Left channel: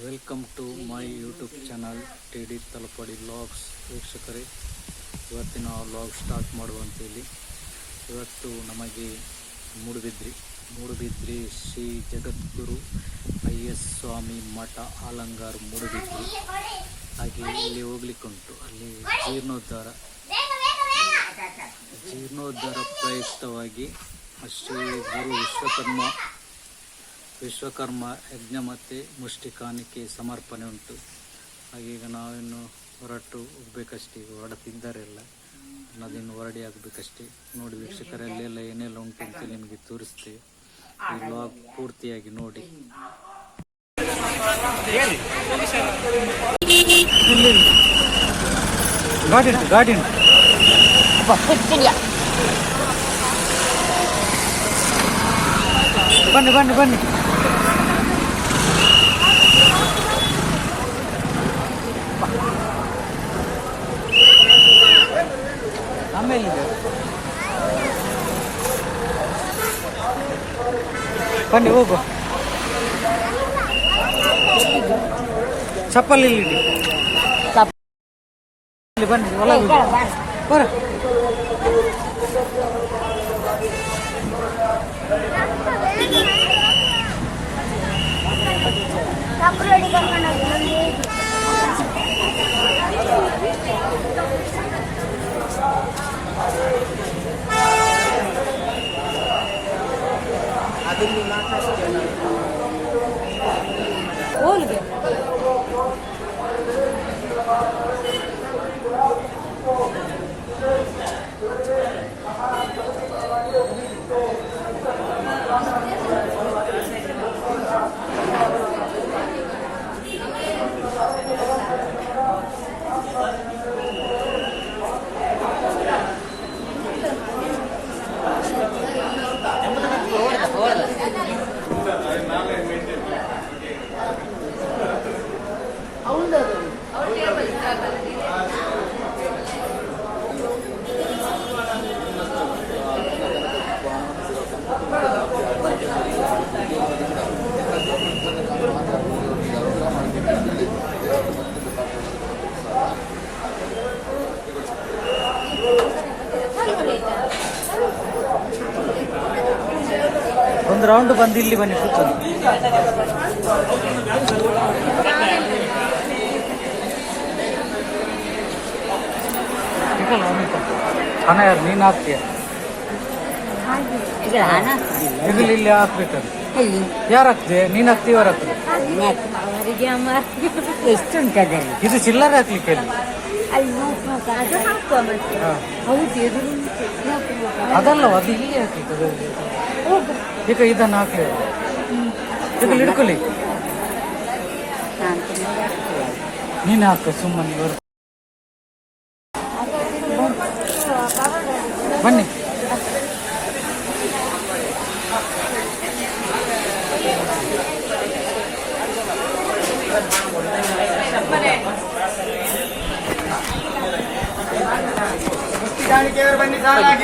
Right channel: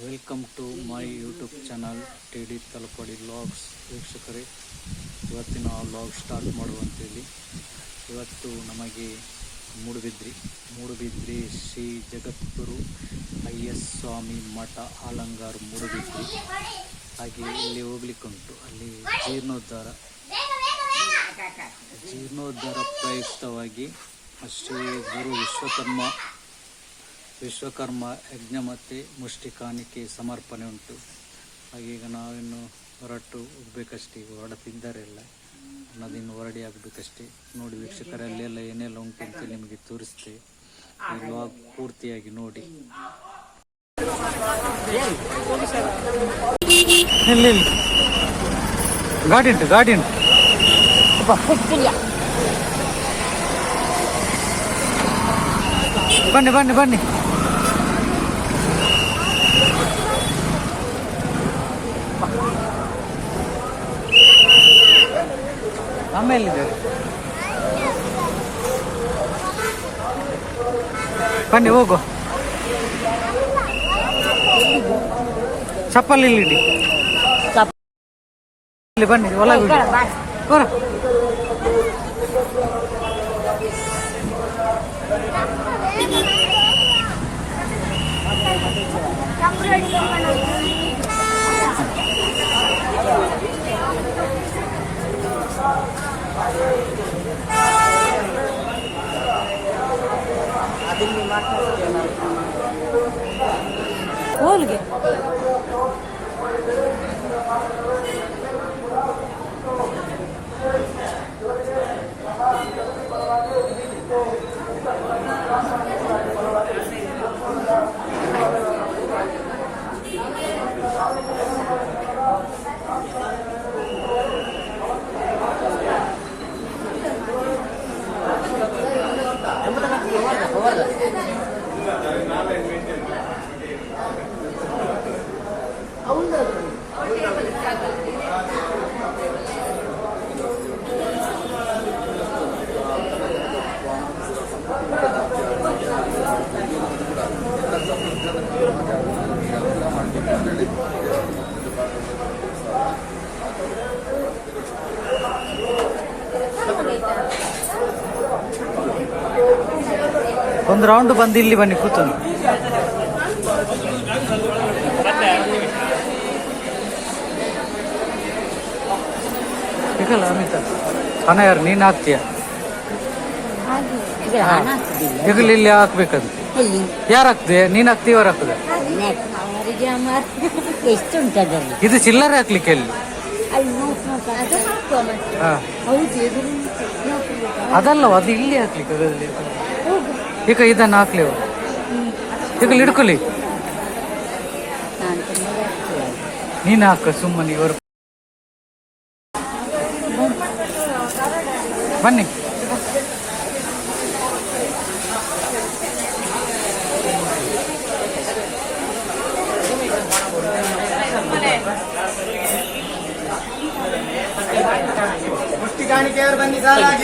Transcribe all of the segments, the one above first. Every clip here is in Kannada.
Welcome to my YouTube channel T D ತಲುಪಡಿ logs ವೀಕ್ಷಕರೇ, ಇವತ್ತಿನ ಲಾಗ್ ಸ್ಟಾರ್ಟ್ ಮಾಡುವಂಥೇಳಿ ಇವತ್ತು ನಮಗೆ ಮೂಡುಬಿದ್ರಿ. ಮೂಡುಬಿದ್ರಿ ಶ್ರೀ ಜಗದ್ಗುರು ಐ ಎಸ್ ಸ್ವಾಮಿ ಮಠ ಆಲಂಗಾರ್ ಮೂಡುಬಿದ್ರಿ. ಹಾಗೆ ಇಲ್ಲಿ ಹೋಗ್ಲಿಕ್ಕುಂಟು. ಅಲ್ಲಿ ಜೀರ್ಣೋದ್ಧಾರ ಜೀರ್ಣೋದ್ಧಾರ ಪ್ರಯುಕ್ತವಾಗಿ ಶ್ರೀ ಗುರು ವಿಶ್ವಕರ್ಮ ವಿಶ್ವಕರ್ಮ ಯಜ್ಞ ಮತ್ತು ಮುಷ್ಟಿ ಕಾಣಿಕೆ ಸಮರ್ಪಣೆ ಉಂಟು. ಹಾಗೀಗ ನಾವಿನ್ನು ಹೊರಟು ಹೋಗ್ಬೇಕಷ್ಟೇ, ಈಗ ಎಲ್ಲ ಅನ್ನೋದಿನ್ನು ಹೊರಡಿ ಆಗಬೇಕಷ್ಟೇ. ನೋಡಿ ವೀಕ್ಷಕರಲ್ಲೆಲ್ಲ ಏನೆಲ್ಲ ಉಂಟು ಅಂತ ನಿಮಗೆ ತೋರಿಸ್ತೇವೆ. ಈ ಪೂರ್ತಿಯಾಗಿ ನೋಡಿ. ಗಾಡಿ ಉಂಟು ಗಾಡಿ ಉಂಟು. ಬನ್ನಿ ಬನ್ನಿ ಬನ್ನಿ. ಆಮೇಲೆ ಇದೆ. ಬನ್ನಿ ಹೋಗು ಚಪ್ಪಲಿ ಇಲ್ಲಿ ಇಡಿ. ಇಲ್ಲಿ ಬನ್ನಿ ಒಳಗೆ ಬರು. ಹೋಲ್ಗೆ Thank you. ಒಂದು ರೌಂಡ್ ಬಂದು ಇಲ್ಲಿ ಬನ್ನಿ ಕೂತು. ಹಣ ಯಾರು? ನೀನು ಹಾಕ್ತೀಯ? ಹೆಗಲು ಇಲ್ಲಿ ಹಾಕ್ಬೇಕದು. ಯಾರು ಹಾಕ್ದೆ? ನೀನ್ ಹಾಕ್ತಿ ಇದು ಚಿಲ್ಲರೆ ಹಾಕ್ಲಿಕ್ಕೆ ಅಲ್ಲಿ. ಅದಲ್ಲ ಅದು ಇಲ್ಲಿ ಹಾಕ್ಲಿಕ್ಕೆ ಈಗ ಇದನ್ನು ಹಾಕ್ಲಿ ಈಗ ಹಿಡ್ಕೊಳ್ಳಿ. ನಾನು ಹಾಕ ಸುಮ್ಮನೆ ಇವರು ಬನ್ನಿ.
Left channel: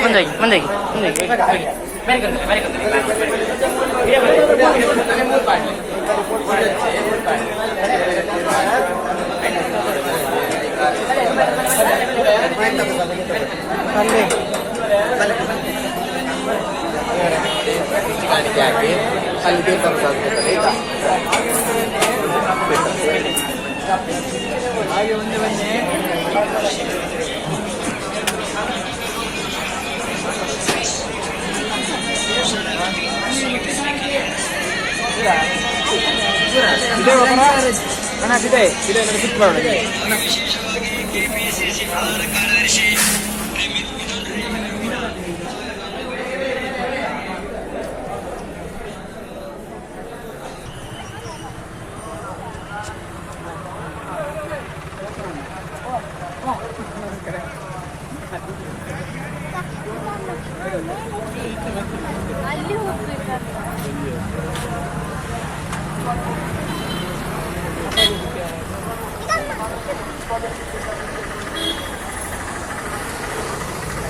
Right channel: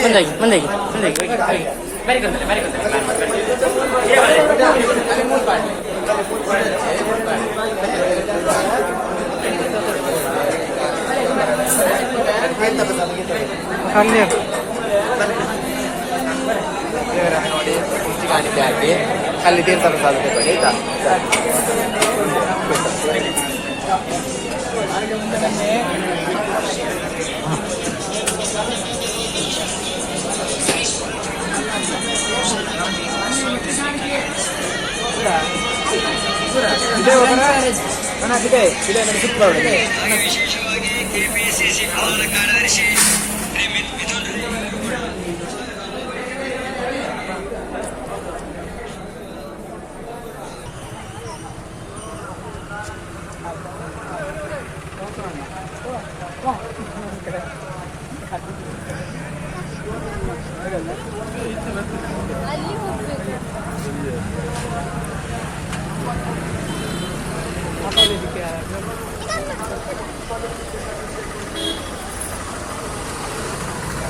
ಮುಂದಾಗಿ ಮುಂದಾಗಿ ಮುಂದಾಗಿ ಅಲ್ಲಿ ನೋಡಿ ಕುರ್ಚಿ ಕಾಣಿಕೆ ಹಾಕಿ ಅಲ್ಲಿ ತೀರ್ಥ ಪ್ರಸಾದ ಕೊಡ್ತಾರೆ ಆಯ್ತಾ ಇದೆ ಅಣ್ಣ ಇದೆ ಇದೆ ನನಗೆ ಸಿಕ್ಕು ಮಾಡು.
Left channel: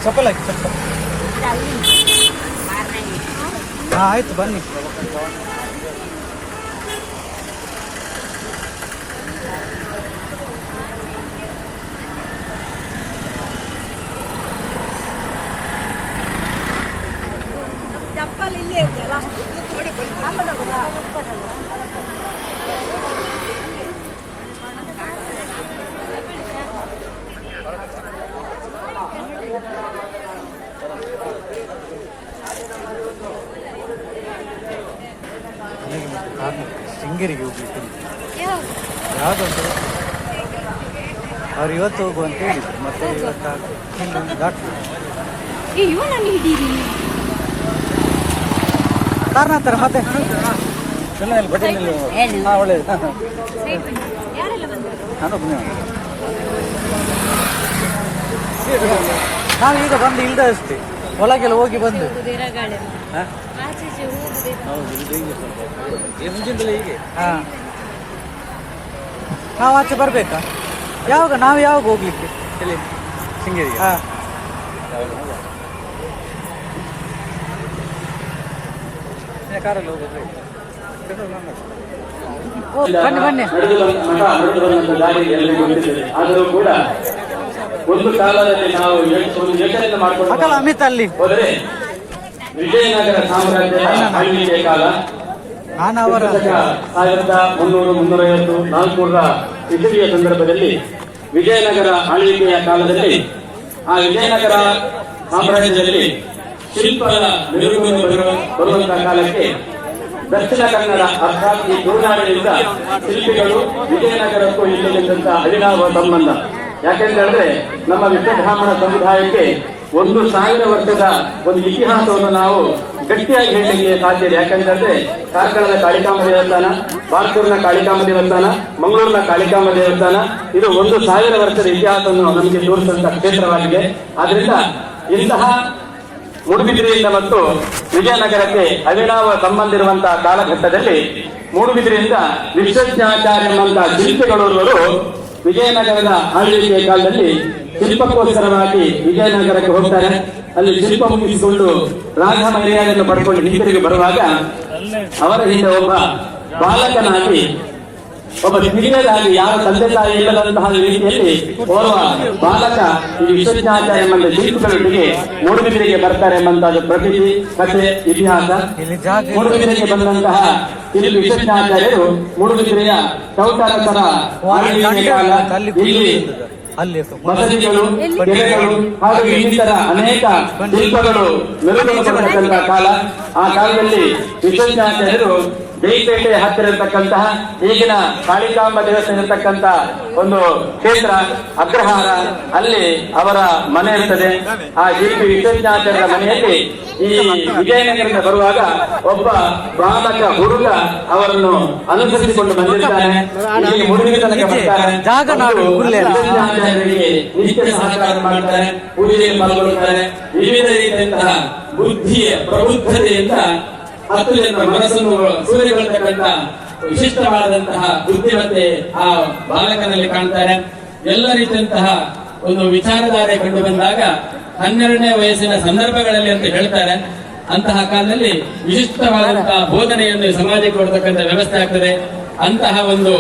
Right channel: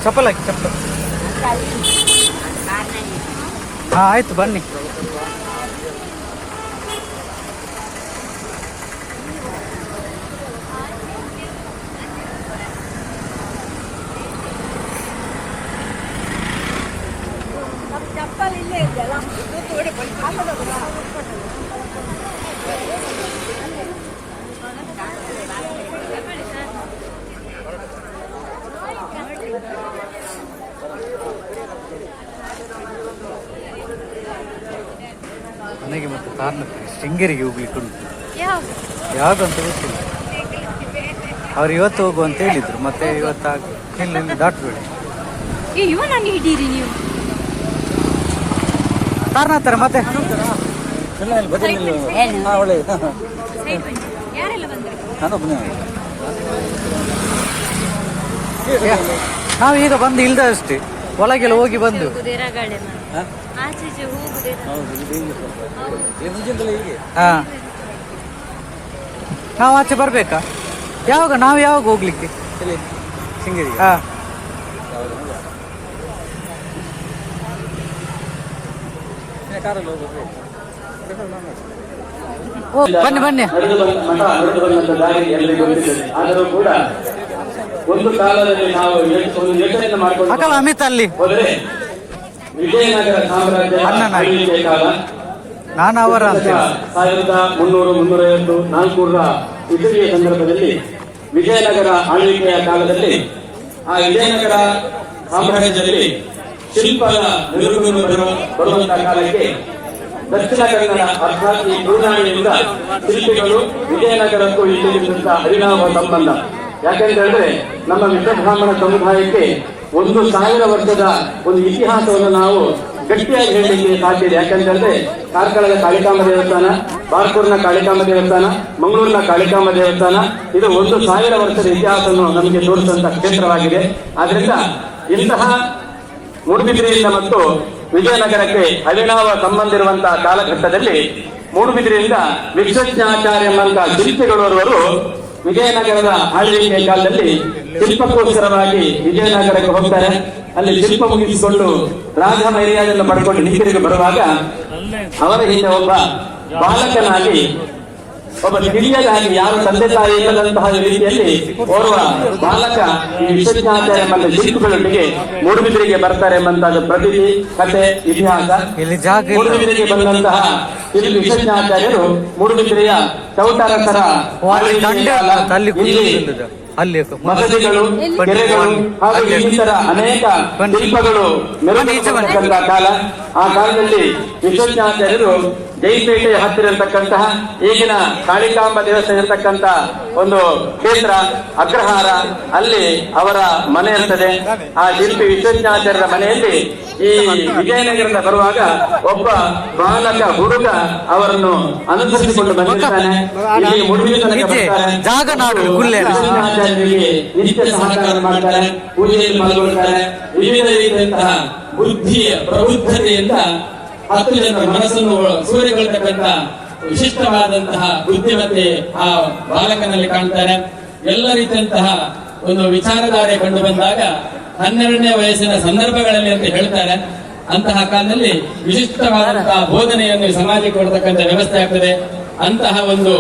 ಸಫಲ್ ಹಾಕಿ ಸಪ್ಪ ಹಾಂ ಆಯಿತು ಬನ್ನಿ. ಚಪ್ಪಲ್ ಇಲ್ಲೇ ಇದೆಯಲ್ಲ ಅಲ್ಲಿಗೆ ಮತ್ತೆ ಕಾರಣ ಶೃಂಗೇರಿಗೆ ಹೋಗ್ಲಿಕ್ಕೆ ಉಂಟು ಯಾವ್ದಂತ ಗೊತ್ತಿಲ್ಲ. ಅವ್ರು ಇವತ್ತು ಹೋಗು ಅಂತ ಹೇಳಿದ್ರು ಮತ್ತೆ ಇವತ್ತು ಇಲ್ಲಿಂದ ದಾಟ್ಬೇಕು ಇವನಲ್ಲಿ ಹಿಡೀರಿ ಕಾರಣ ಹತ್ರ ಮತ್ತೆ? ಒಳ್ಳೆಯದು ಬಂದರು? ನಾವೀಗ ಬಂದು ಇಲ್ದ ಅಷ್ಟೇ ಒಳಗೆಲ್ಲ ಹೋಗಿ ಬಂದು. ಹಾಂ? ಹಾ? ಆಚೆ ಈಚೆ ಹೋಗುದೇ ಹಾ. ನಾವು ಆಚೆ ಬರ್ಬೇಕಾ? ಯಾವಾಗ? ನಾವು ಯಾವಾಗ ಹೋಗ್ಲಿಕ್ಕೆ? ಶೃಂಗೇರಿಗೆ. ಹಾ. ಓ, ಬನ್ನಿ ಬನ್ನಿ. ಒಂದು ಕಾಲದಲ್ಲಿ ನಾವು ಒಂದು ಯೋಚನೆಯನ್ನು ಮಾಡಿಕೊಂಡು ಅಮಿತ್ ಅಲ್ಲಿ. ಹೋದರೆ ವಿಜಯನಗರ ಸಾಮ್ರಾಜ್ಯ ಆಳ್ವಿಕೆ ಕಾಲ. ನಾನು ಅವರ ಸಾವಿರದ ಮುನ್ನೂರು ಮುನ್ನೂರೈವತ್ತು ನಾಲ್ಕುನೂರ ಇಸವಿಯ ಸಂದರ್ಭದಲ್ಲಿ ವಿಜಯನಗರ ಆಳ್ವಿಕೆಯ ಕಾಲದಲ್ಲಿ ಆ ವಿಜಯನಗರ ಸಾಮ್ರಾಜ್ಯದಲ್ಲಿ ಶಿಲ್ಪದ ಬರುವ ಬರುವಂತಹ ಕಾಲಕ್ಕೆ ದಕ್ಷಿಣ ಕನ್ನಡ ಅರ್ಥಾತ್ ಈ ತುಳುನಾಡಿನಿಂದ ಶಿಲ್ಪಿಗಳು ವಿಜಯನಗರಕ್ಕೂ ಇಲ್ಲಿ ಅವಿನಾವ ಸಂಬಂಧ. ಯಾಕೆಂತಂದ್ರೆ ನಮ್ಮ ವಿಶ್ವಬ್ರಾಹ್ಮಣ ಸಮುದಾಯಕ್ಕೆ ಒಂದು ಸಾವಿರ ವರ್ಷದ ಒಂದು ಇತಿಹಾಸವನ್ನು ನಾವು ಗಟ್ಟಿಯಾಗಿ ಹೇಳಲಿಕ್ಕೆ ಸಾಧ್ಯ ಯಾಕಂತಂದ್ರೆ ಕಾರ್ಕಳದ ಕಾಳಿಕಾಂಬ ದೇವಸ್ಥಾನ, ಬಾರ್ಕೂರ್ನ ಕಾಳಿಕಾಂಬ ದೇವಸ್ಥಾನ, ಮಂಗಳೂರಿನ ಕಾಳಿಕಾಂಬ ದೇವಸ್ಥಾನ, ಇದು ಒಂದು ಸಾವಿರ ವರ್ಷದ ಇತಿಹಾಸವನ್ನು ನಮಗೆ ತೋರಿಸುವಂತಹ ಕ್ಷೇತ್ರವಾಗಿದೆ. ಆದ್ರಿಂದ ಇಂತಹ ಮೂಡುಬಿದಿರೆಯಿಂದ ಮತ್ತು ವಿಜಯನಗರಕ್ಕೆ ಅವಿನಾವ ಸಂಬಂಧ ಇರುವಂತಹ ಕಾಲಘಟ್ಟದಲ್ಲಿ ಮೂಡುಬಿದಿರೆಯಿಂದ ವಿಶ್ವಜ್ಞಾಚಾರ್ಯ ಎಂಬಂತಹ ಶಿಲ್ಪಿಗಳವರು ವಿಜಯನಗರದ ಆಳ್ವಿಕೆಯ ಕಾಲದಲ್ಲಿ ಶಿಲ್ಪಕ್ಕೋಸ್ಕರವಾಗಿ ವಿಜಯನಗರಕ್ಕೆ ಹೋಗ್ತಾರೆ. ಅಲ್ಲಿ ಶಿಲ್ಪ ಮುಗಿಸಿಕೊಂಡು ರಾಜ ಪಡ್ಕೊಂಡು ಹಿಂದಿರುಗಿ ಬರುವಾಗ ಅವರ ಹಿಂದೆ ಒಬ್ಬ ಬಾಲಕನಾಗಿ ಒಬ್ಬ ತಿಳಿಯದಾಗಿ ಯಾರ ತಂದೆ ತಾಯಿ ಇಲ್ಲದಂತಹ ರೀತಿಯಲ್ಲಿ ಓರ್ವ ಬಾಲಕ ಈ ವಿಶ್ವಜ್ಞಾಚಾರ್ಯ ಎಂಬ ಶಿಲ್ಪಿಗಳೊಂದಿಗೆ ಮೂಡುಬಿದಿರೆಗೆ ಬರ್ತಾರೆ ಎಂಬಂತಹ ಪ್ರತಿನಿಧಿ ಕಥೆ ಇತಿಹಾಸ. ಇಲ್ಲಿ ಇಲ್ಲ. ಮೂಡುಬಿದಿರೆಗೆ ಬಂದಂತಹ ಶಿಲ್ಪಿ ವಿಶ್ವಜ್ಞಾಚಾರ್ಯರು ಮೂಡುಬಿದಿರೆಯ ಚೌಟಾರಸರ ಅಲ್ಲಿ ಹಾಗೂ ಇನ್ನಿತರ ಅನೇಕ ಶಿಲ್ಪಗಳು ಮೆರವಣಿಗೆ ಕಾಲ. ಆ ಕಾಲದಲ್ಲಿ ವಿಶ್ವಜ್ಞಾಚಾರ್ಯರು ಜೈಪೇಟೆಯ ಹತ್ತಿರ ಇರತಕ್ಕಂತಹ ಈಗಿನ ಕಾಳಿಕಾಂಬ ದೇವಸ್ಥಾನ ಇರತಕ್ಕಂತ ಒಂದು ಕ್ಷೇತ್ರ ಅಗ್ರಹಾರ ಅಲ್ಲಿ ಅವರ ಮನೆ ಇರ್ತದೆ. ಆ ಶಿಲ್ಪಿ ಮನೆಯಲ್ಲಿ ಈ ವಿಜಯನಗರದ ಬರುವಾಗ ಒಬ್ಬ ಬಾಲಕ ಹುಡುಗ ಅವರನ್ನು ಅನುಸರಿಸಿಕೊಂಡು ಬಂದಿರ್ತಾನೆ. ನಿತ್ಯ ಸಹಕಾರ ಮಾಡ್ತಾರೆ ಪೂಜೆಯಲ್ಲಿ ಪಾಲ್ಗೊಳ್ಳುತ್ತಾರೆ. ವಿವಿಧ ರೀತಿಯಂತಹ ಬುದ್ಧಿಯ ಪ್ರಬುದ್ಧತೆಯಿಂದ ಹತ್ತು ಜನರ ಮನಸ್ಸನ್ನು ಸೂರ್ಯಗೊಳ್ತಕ್ಕಂತ ವಿಶಿಷ್ಟವಾದಂತಹ ಬುದ್ಧಿಮತ್ತೆ ಆ ಬಾಲಕನಲ್ಲಿ ಕಾಣ್ತಾರೆ. ಎಲ್ಲ ರೀತಿಯಂತಹ ಒಂದು ವಿಚಾರಧಾರೆ ಕಂಡು ಬಂದಾಗ ಹನ್ನೆರಡನೇ ವಯಸ್ಸಿನ ಸಂದರ್ಭಗಳಲ್ಲಿ ಅಂತ ಹೇಳ್ತಾರೆ. ಅಂತಹ ಕಾಲದಲ್ಲಿ ವಿಶಿಷ್ಟವಾದಂತಹ ಬೋಧನೆಯನ್ನು ಸಮಾಜಕ್ಕೆ ಕೊಡ್ತಕ್ಕಂಥ ವ್ಯವಸ್ಥೆ ಆಗ್ತದೆ. ಅಂತಹ ಒಂದು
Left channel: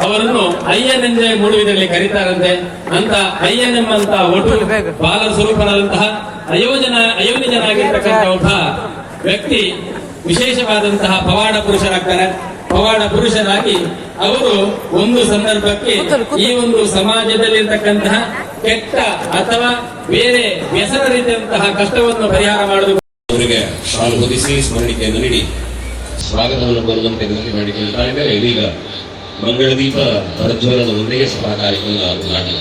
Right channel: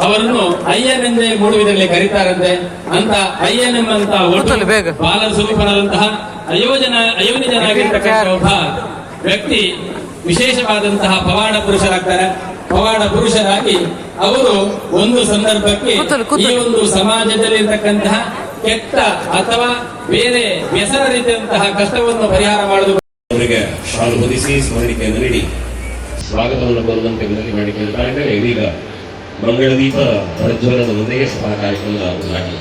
ಅವರನ್ನು ಅಯ್ಯನೆಂದೇ ಮೂಡುವಿನಲ್ಲಿ ಕರೀತಾರಂತೆ. ಅಂತ ಅಯ್ಯನ್ ಎಂಬಂತಹ ಒಟ್ಟು. ಬಾಲ ಸ್ವರೂಪನಾದಂತಹ ಅಯೋಜನ ಅಯೋನಿಜನಾಗಿರ್ತಕ್ಕಂಥ ಒಬ್ಬ ವ್ಯಕ್ತಿ ವಿಶೇಷವಾದಂತಹ ಪವಾಡ ಪುರುಷರಾಗ್ತಾರೆ. ಪವಾಡ ಪುರುಷರಾಗಿ ಅವರು ಒಂದು ಸಂದರ್ಭಕ್ಕೆ. ಈ ಒಂದು ಸಮಾಜದಲ್ಲಿರ್ತಕ್ಕಂತಹ ಕೆಟ್ಟ ಅಥವಾ ಬೇರೆ ವ್ಯಸನ ರೀತಿಯಂತಹ ಕಷ್ಟವನ್ನು ಪರಿಹಾರ ಮಾಡಲು ಅವರಿಗೆ ಶಾಲು ಹೊದಿಸಿ ಸ್ಮರಣಿಕೆಯನ್ನು ನೀಡಿ. ಸ್ವಾಗತವನ್ನು ಕೋರುವಂತೆ ವಿನಂತಿ ಮಾಡಿಕೊಳ್ಳುತ್ತಾ ಇದ್ದಾರೆ ಇದೀಗ ಮಂಗಳದೀಪ ಪ್ರಜ್ವಲನದೊಂದಿಗೆ ಸಭಾ ಕಾರ್ಯಕ್ರಮ ಉದ್ಘಾಟನೆ